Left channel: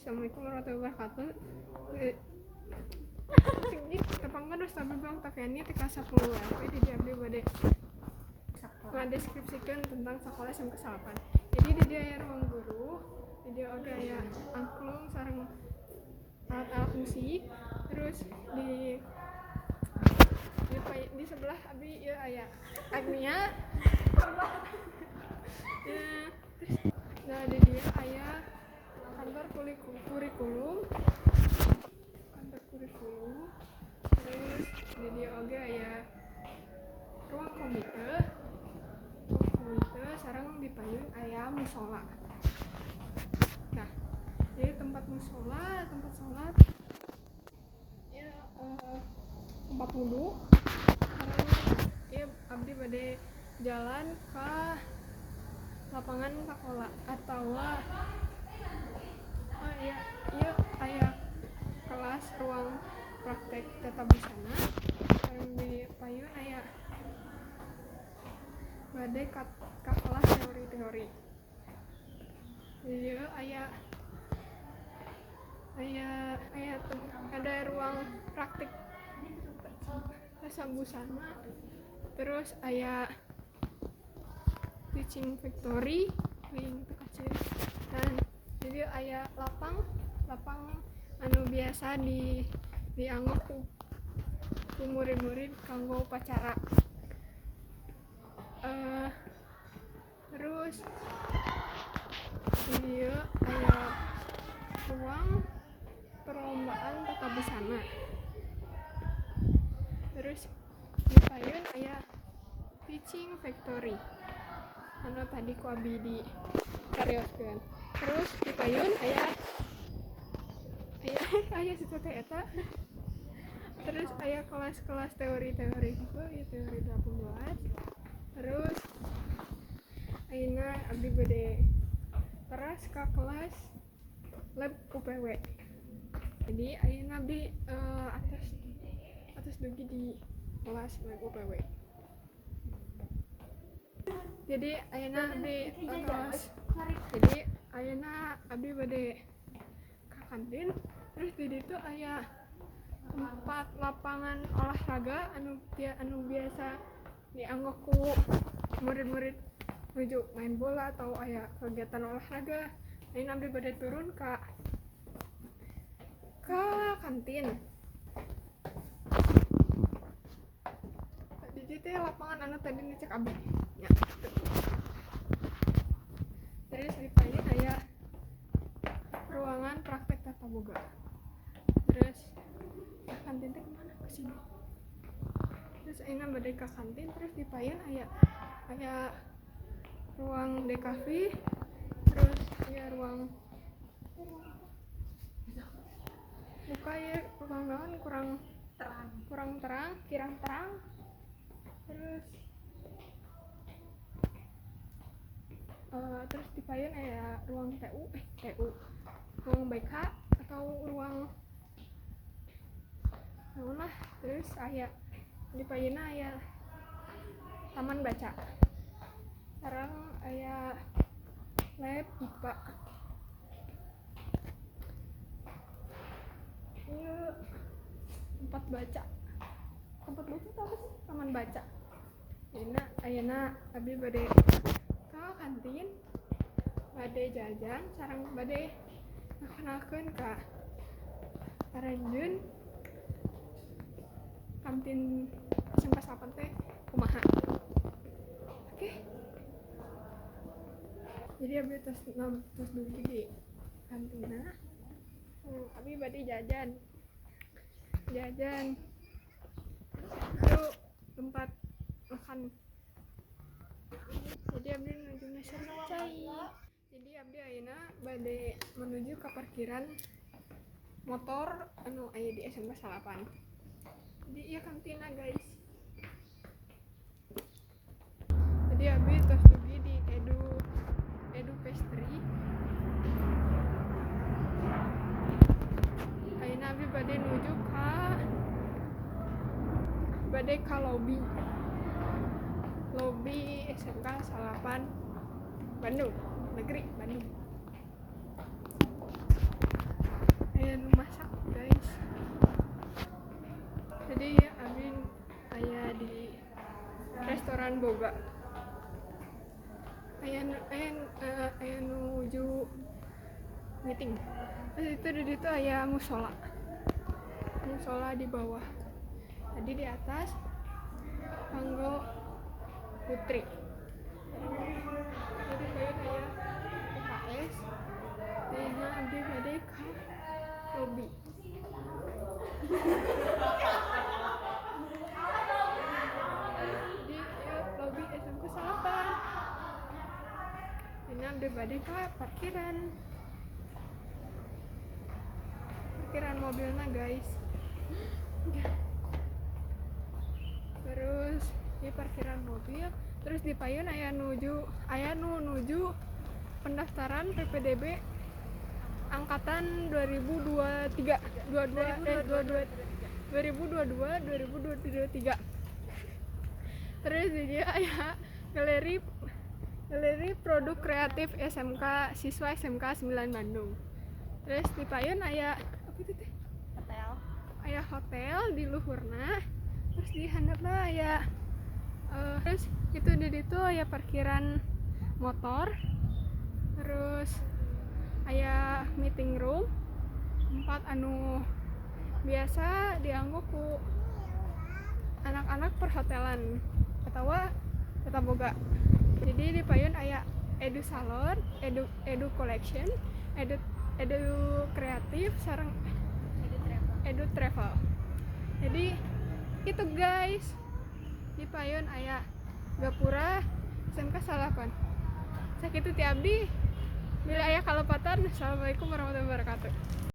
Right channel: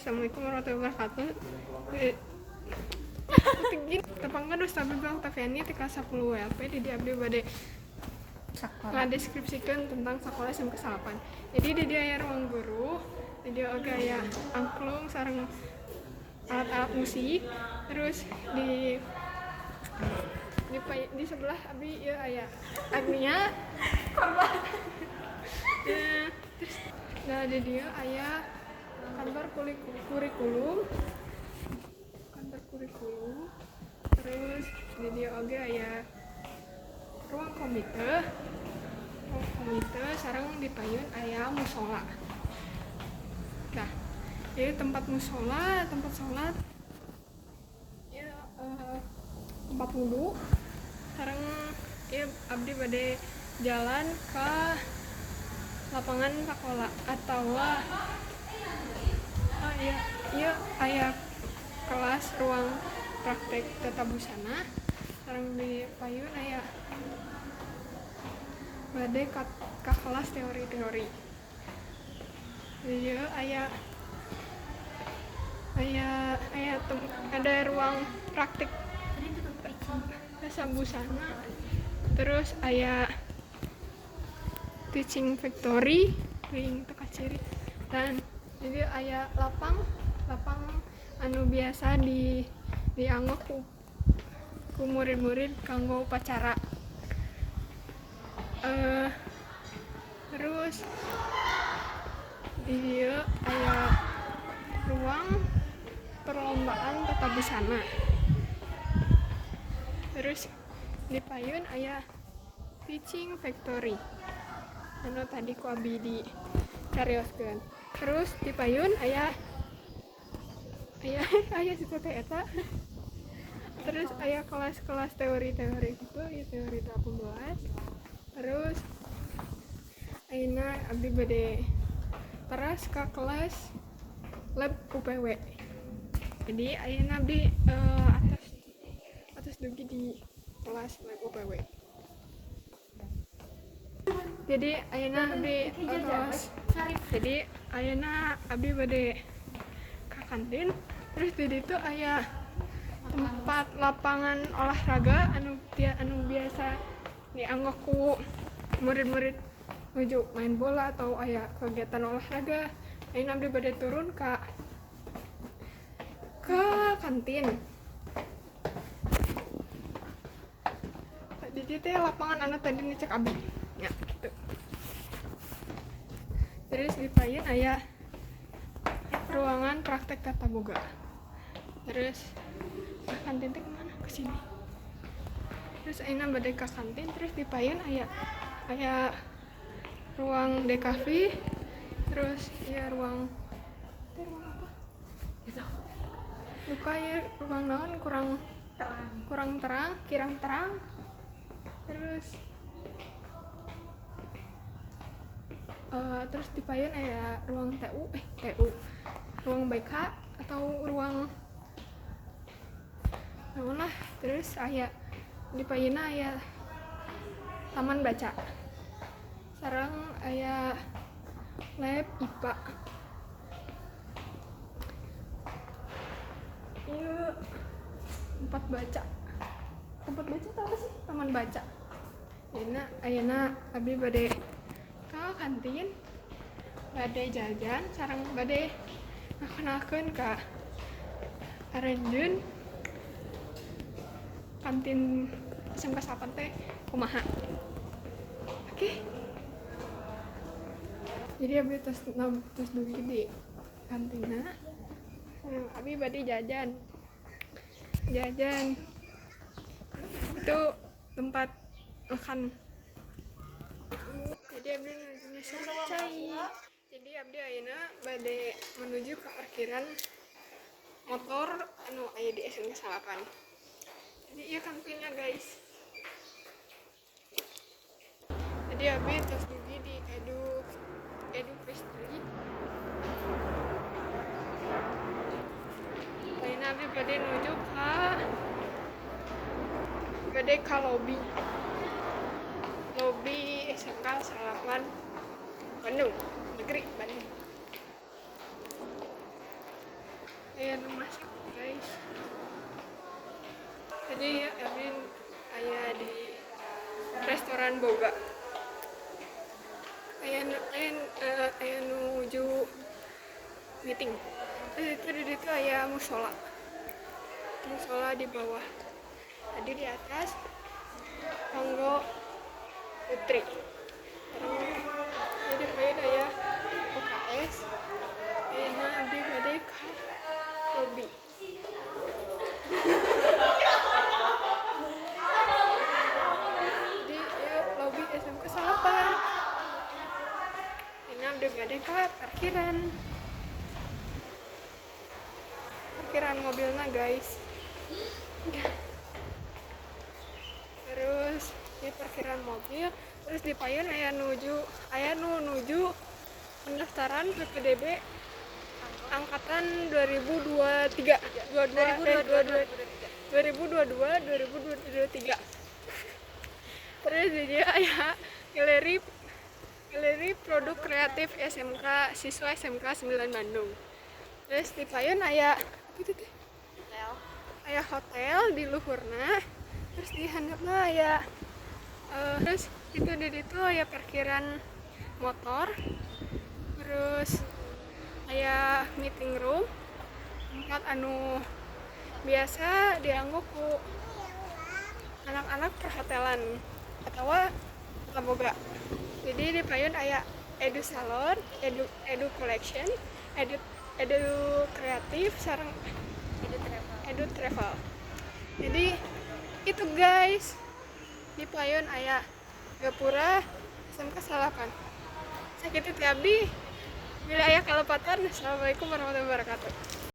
Assalamualaikum warahmatullahi wabarakatuh. Tinggi tepangkan Ustaz bilang Tafiani di kelas 10 LP di abdi bade ngadeskripsikeun tentang sekolah SMK 8. Jadi di dia aya ruang guru, di dia oge aya angklung sareng alat-alat musik. Terus di sebelah abdi ieu aya Agnia. Terus di dia aya kantor kurikulum. Terus di dia oge aya ruang komite sareng di payun aya musola. Nah, jadi tempat musola, tempat sholat ya, tempat wudu sareng ya abdi bade jalan ke lapangan sekolah atau iya aya kelas ruang praktek tata busana sareng di payun aya bade ka kelas teori-teori. Ieu ada ruang praktik tata busana, terus aya teaching factory leuwih teu kaciri, dan jadi aya lapang anu biasa dianggo ku murid-murid kanggo upacara. Terus di dieu aya ruang perlombaan tata busana. Terus di payun aya teaching factory anu tadi ku abdi di carioskeun. Terus di payun aya seperti eta. Terus aya kelas-kelas teori-teori gitu, ya teori 18. Terus ayeuna abdi bade teras ka kelas lab UPW. Jadi ayeuna abdi atas dugi di kelas lab UPW. Jadi ayeuna abdi bade ka kantin. Terus di ditu aya tempat lapangan olahraga anu biasa dianggo ku murid-murid menuju main bola atau aya kegiatan olahraga. Ayeuna abdi bade turun ka kantin. Di ditu lapangan anu tadi dicek abdi. Ya, gitu. Terus di payun aya ruangan praktek tata boga. Terus kantin teh kemana? Ke sini. Terus ayeuna bade ka kantin, terus di payun aya ruang DKV. Terus ya ruang apa? Gitu. Luka ya ruang naon kurang terang, kirang terang. Terus di payun aya ruang TU, ruang BK atau ruang naon lah. Terus aya di payunna aya taman baca. Sareng aya lab IPA. Ieu tempat baca itu apa sih? Taman baca. Ayeuna abdi bade ka kantin, bade jajan sareng bade ngakenalkeun ka aranjeun kantin SMK 8 teh kumaha. Oke. Jadi abdi tos dugi di kantina. Abdi bade jajan. Itu tempat makan. Jadi abdi nuju cai. Jadi abdi ayeuna bade menuju ke parkiran motor anu aya di SMK 8. Jadi ieu kantinnya guys. Jadi abdi tos dugi di Edu Pastry. Ayeuna abdi bade nuju ka lobby SMK 8 Bandung Negeri Bandung. aya nu masak guys. Jadi abdi aya di restoran boga, aya nuju meeting. Terus itu di situ aya musola di bawah, tadi di atas tanggo putri. Jadi kayak aya UKS, ayeuna abdi bade ka lobby. Jadi lobby SMK Salapan. Ayeuna abdi bade ka parkiran mobilnya guys. Terus ya parkiran mobil, terus di payun aya nuju pendaftaran PPDB angkatan 2023. Terus di dia aya galeri produk kreatif SMK siswa SMK 9 Bandung. Terus di payun aya hotel di luhurna. Terus di handapna aya terus itu di situ aya parkiran motor. Terus aya meeting room tempat anu biasa dianggo ku anak-anak perhotelan atau tata boga. Jadi di payun aya edu salon, edu collection, edu kreatif sareng edu travel. Jadi itu guys, di payun aya gapura SMK Salapan. Sakitu ti abdi, bila aya kalepatan. Assalamualaikum warahmatullahi wabarakatuh.